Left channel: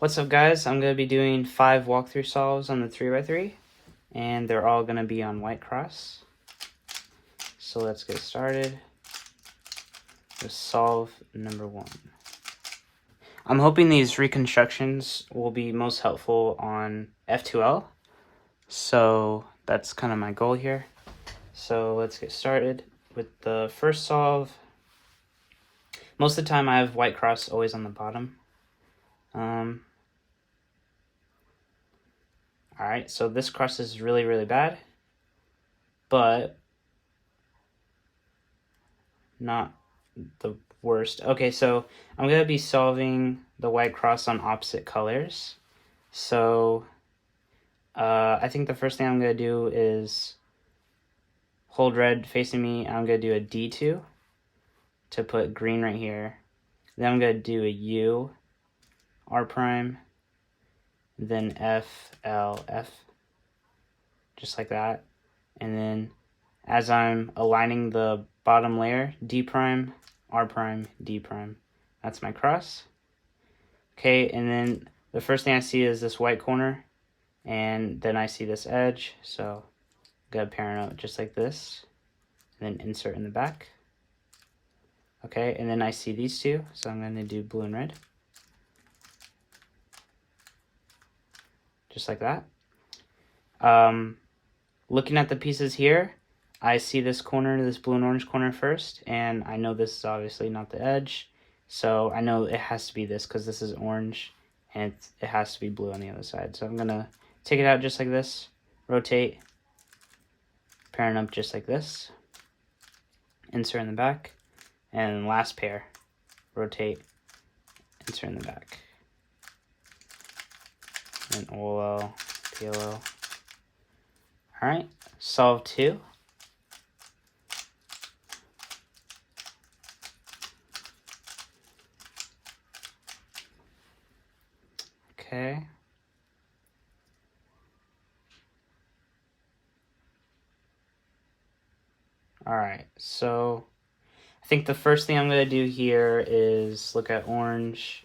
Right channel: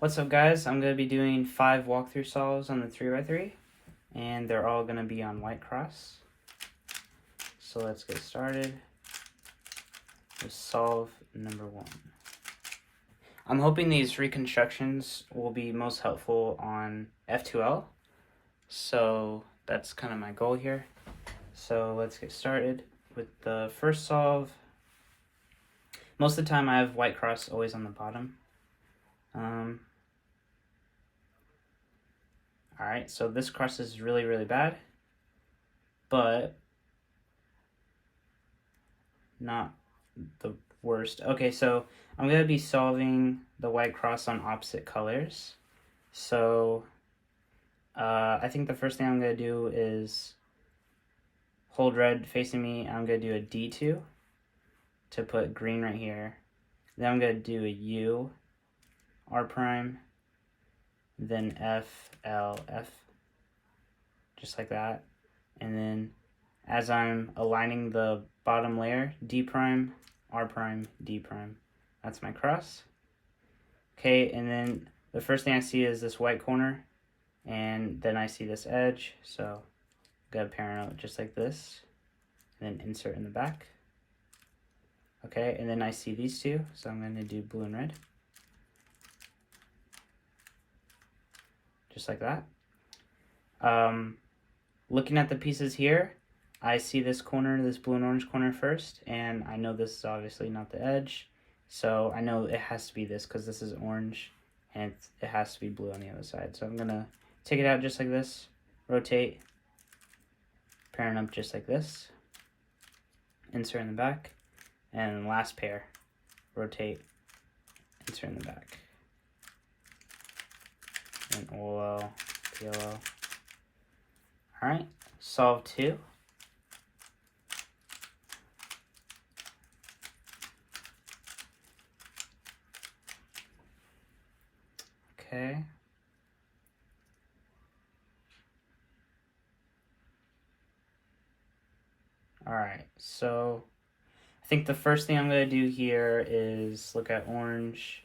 What's up, guys? I'm going to be doing 5 walkthrough solves on the 3x3, and they're all going to be on white cross. So let's get started with solve number 1. I'm hoping these reconstructions will be most helpful on F2L, so that's kind of my goal here. So let's get started with the first solve. Most of the time I have white cross always on the bottom. Alright, so this cross is really, really bad, but not the worst. Okay, so I'm going to be solving the white cross on opposite colors. So I think the first thing I'm going to do is hold red facing me. I'm going to do a D2 to put green right here. Then I'm going to do a U, R prime, then F, L, F, just like that. And then as I'm aligning the bottom layer, D prime, R prime, D prime. That's my cross. Okay, and then the first thing I see is this white corner, and then I see this edge, so I'm gonna parent out just like this, and then insert in the back. Okay, and then I see these two, so I'm gonna do blue and red. Just like that. Looking at the pieces here, I see this corner, this blue and orange corner first, and I know this is obviously not the edge, so I know it has to be this because this is orange, and it has to be blue on the other side. So I'm going to take it out just like this, rotate, parent up just like this, insert in the back, and last pair, rotate, insert in the back. And OL, PLL. Alright, solve 2. Okay. Alright, so I think the first thing I'm going to do here is look at orange,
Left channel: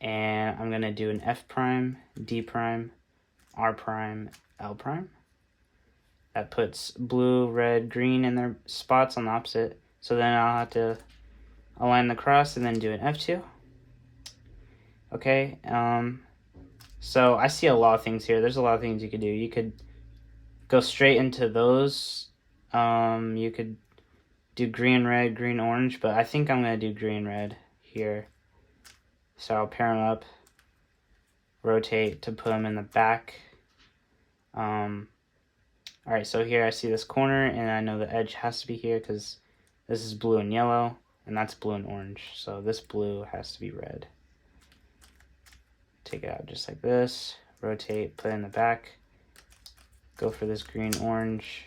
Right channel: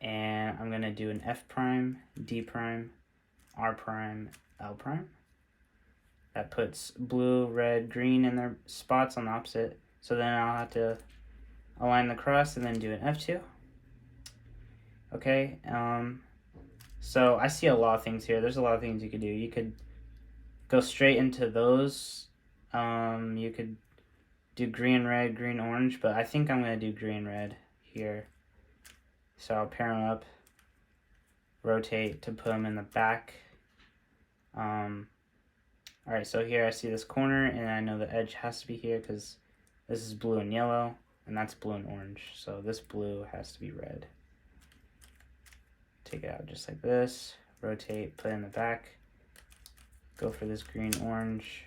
and I'm going to do an F prime, D prime, R prime, L prime. That puts blue, red, green in their spots on the opposite. So then I'll have to align the cross and then do an F2. Okay, so I see a lot of things here. There's a lot of things you could do. You could go straight into those. You could do green, red, green, orange, but I think I'm going to do green, red here. So I'll pair them up, rotate to put them in the back. Alright, so here I see this corner, and I know the edge has to be here because this is blue and yellow, and that's blue and orange. So this blue has to be red. Take it out just like this, rotate, put it in the back, go for this green, orange,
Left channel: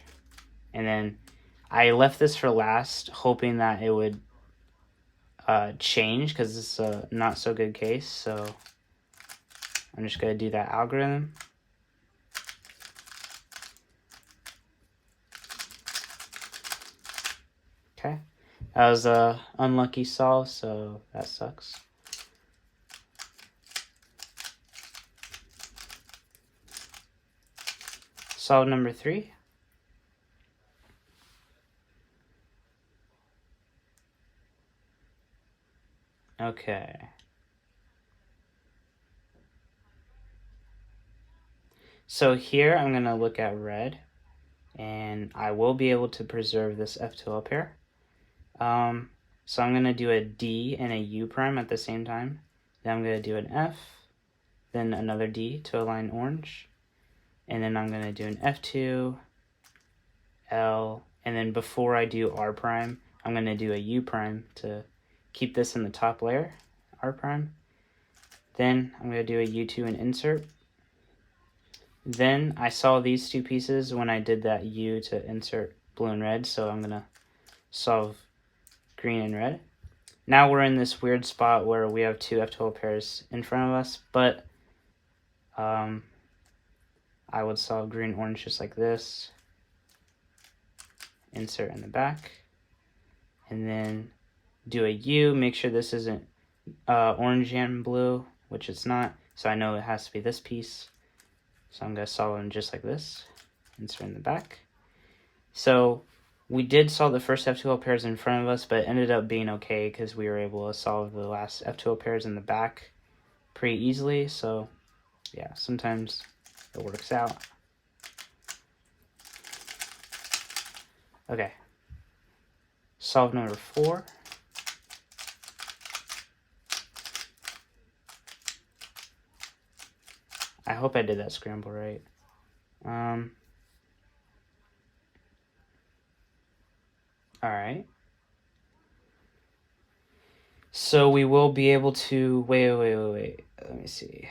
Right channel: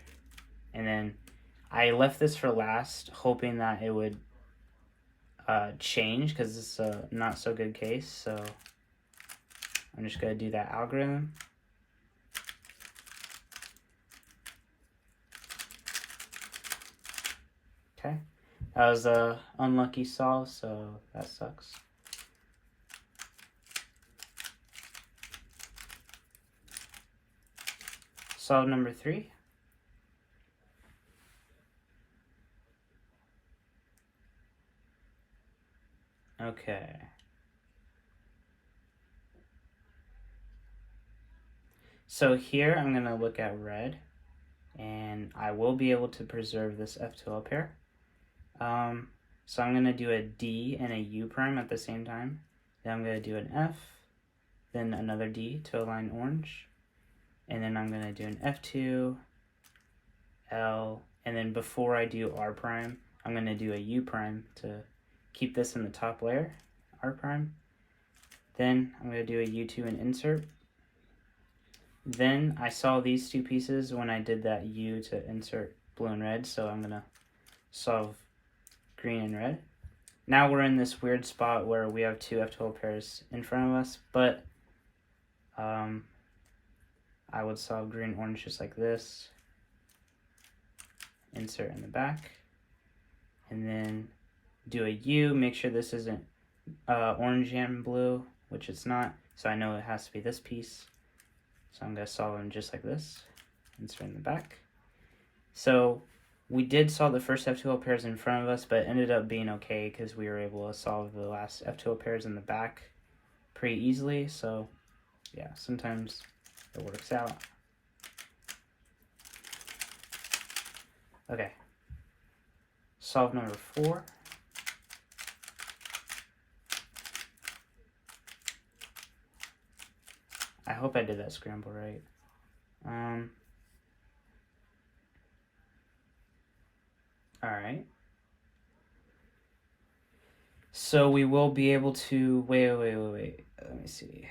and then I left this for last, hoping that it would change because this is a not so good case. So I'm just going to do that algorithm. Okay, that was a unlucky solve, so that sucks. Solve number 3. Okay. So here I'm going to look at red, and I will be able to preserve this F2L pair. So I'm going to do a D and a U prime at the same time. Then I'm going to do an F, then another D to align orange. And then I'm going to do an F2, L, and then before I do R prime, I'm going to do a U prime to keep this in the top layer, R prime. Then I'm going to do a U2 and insert. Then I saw these two pieces when I did that U to insert blue and red, so I'm going to solve green and red. Now we're in this weird spot where we have two F2L pairs in front of us, but I would solve green, orange just like this, insert in the back, and then do a U, make sure this isn't orange and blue, which it's not, So I know it has to be this piece. So I'm going to solve them just like this. Insert in the back. So we did solve the first F2L pairs in front of us, but it ended up being okay because we were able to solve the last F2L pairs in the back pretty easily. So yeah, sometimes it works out. Okay. Solve number 4. I hope I did that scramble right. Alright. So we will be able to, wait. Let me see.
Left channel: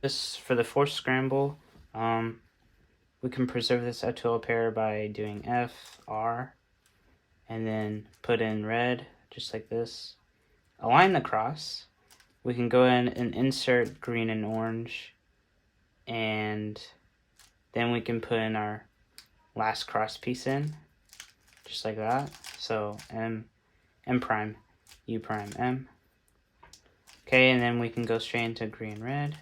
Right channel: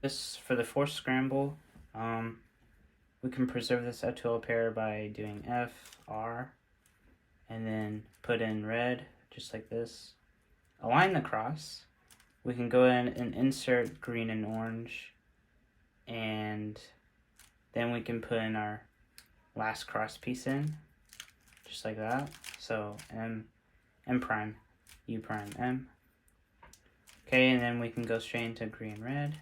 This, for the fourth scramble, we can preserve this F2L pair by doing F, R, and then put in red, just like this. Align the cross. We can go in and insert green and orange, and then we can put in our last cross piece in, just like that. So M prime, U prime, M. Okay, and then we can go straight into green, red,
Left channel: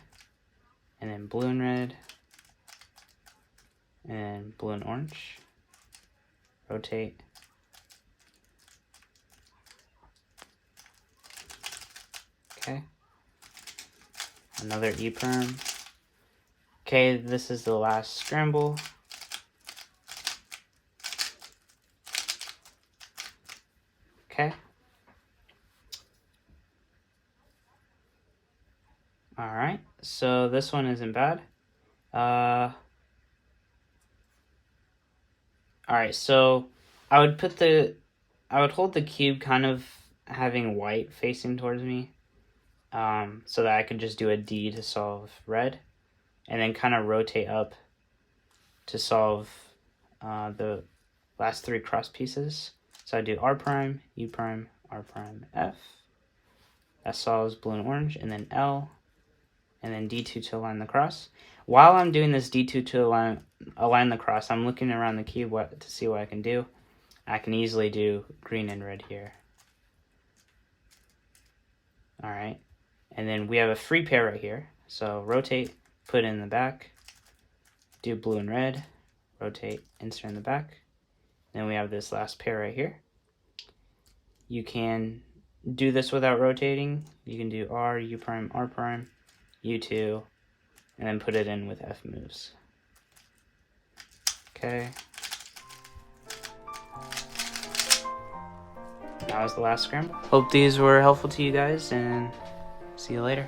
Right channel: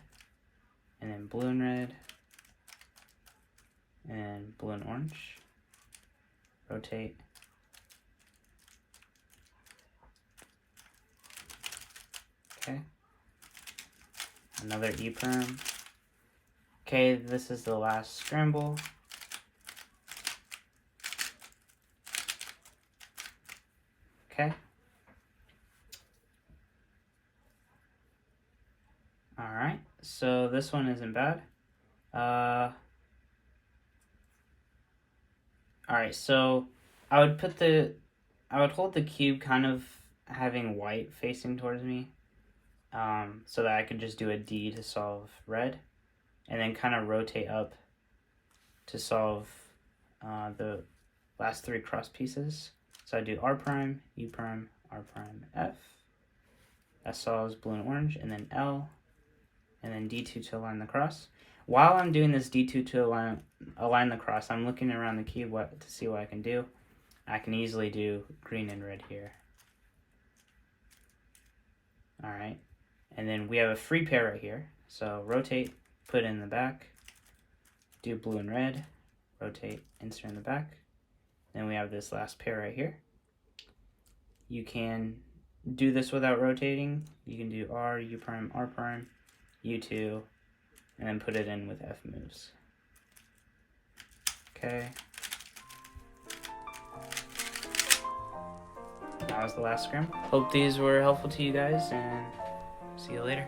and then blue and red, and then blue and orange. Rotate. Okay. Another E prime. Okay, this is the last scramble. Okay. Alright, so this one isn't bad. Alright, so I would hold the cube kind of having white facing towards me, so that I could just do a D to solve red, and then kind of rotate up to solve the last 3 cross pieces. So I do R prime, U prime, R prime, F. That solves blue and orange, and then L, and then D2 to align the cross. While I'm doing this D2 to align the cross, I'm looking around the cube to see what I can do. I can easily do green and red here. Alright, and then we have a free pair right here. So rotate, put it in the back, do blue and red, rotate, insert in the back. Then we have this last pair right here. You can do this without rotating. You can do R, U prime, R prime, U2, and then put it in with F moves. Okay. That was the last scramble. Hope these were helpful to you guys, and see you later.